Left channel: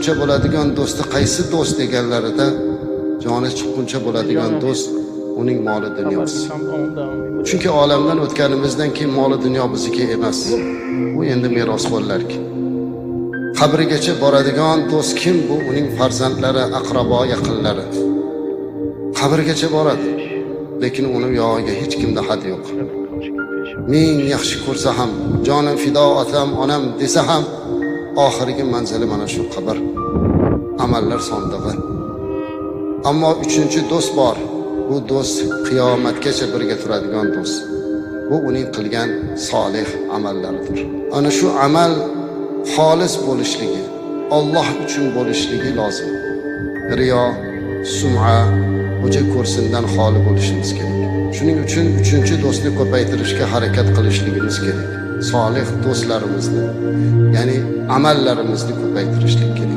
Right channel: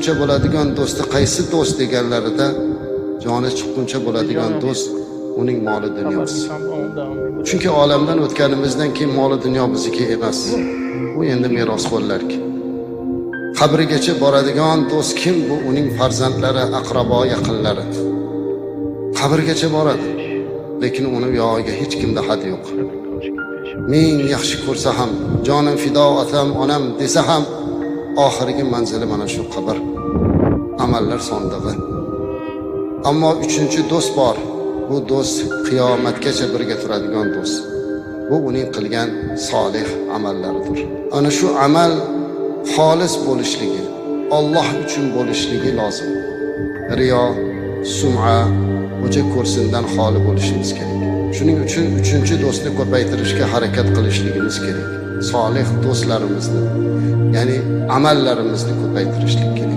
chiqquncha bo'ladigan do'sti qaysi do'st deganlarida, joni chiqquncha bo'ladigan do'st uning moli dunyosi. Chunki olamdan o'tganimizdan keyin moli dunyo bizniki emas. Bu endi meros bo'larki. Qabrigacha boradigan do'st kim? Bu uning farzandlari, aqrabo, yaqinlari. Qabrgacha boradi. Lekin uni yog'iga hech kimda had yo'q. Ming yaxshi ko'rsa ham, jonim fido otam, onam desa ham, oxirgi manzili mana shu qabr. Amallar sondig'i. Ammo uchinchi do'st bor. Bu do'st qiyomatgacha birga turadigan do'st. Bu uning qilgan solih amallaridir. Ana shu amal xolis bo'lishligi, Alloh uchun bo'lishligi lozim. Riyo, sum'a, o'ja ko'rsindan xoli bo'lishimiz kerak. Shuning uchun uchinchi do'stni ko'paytirishga harakat qilishligimiz kerak. Solih do'stlarimizni, ya'ni amallarimizni ko'paytirishlik kerak.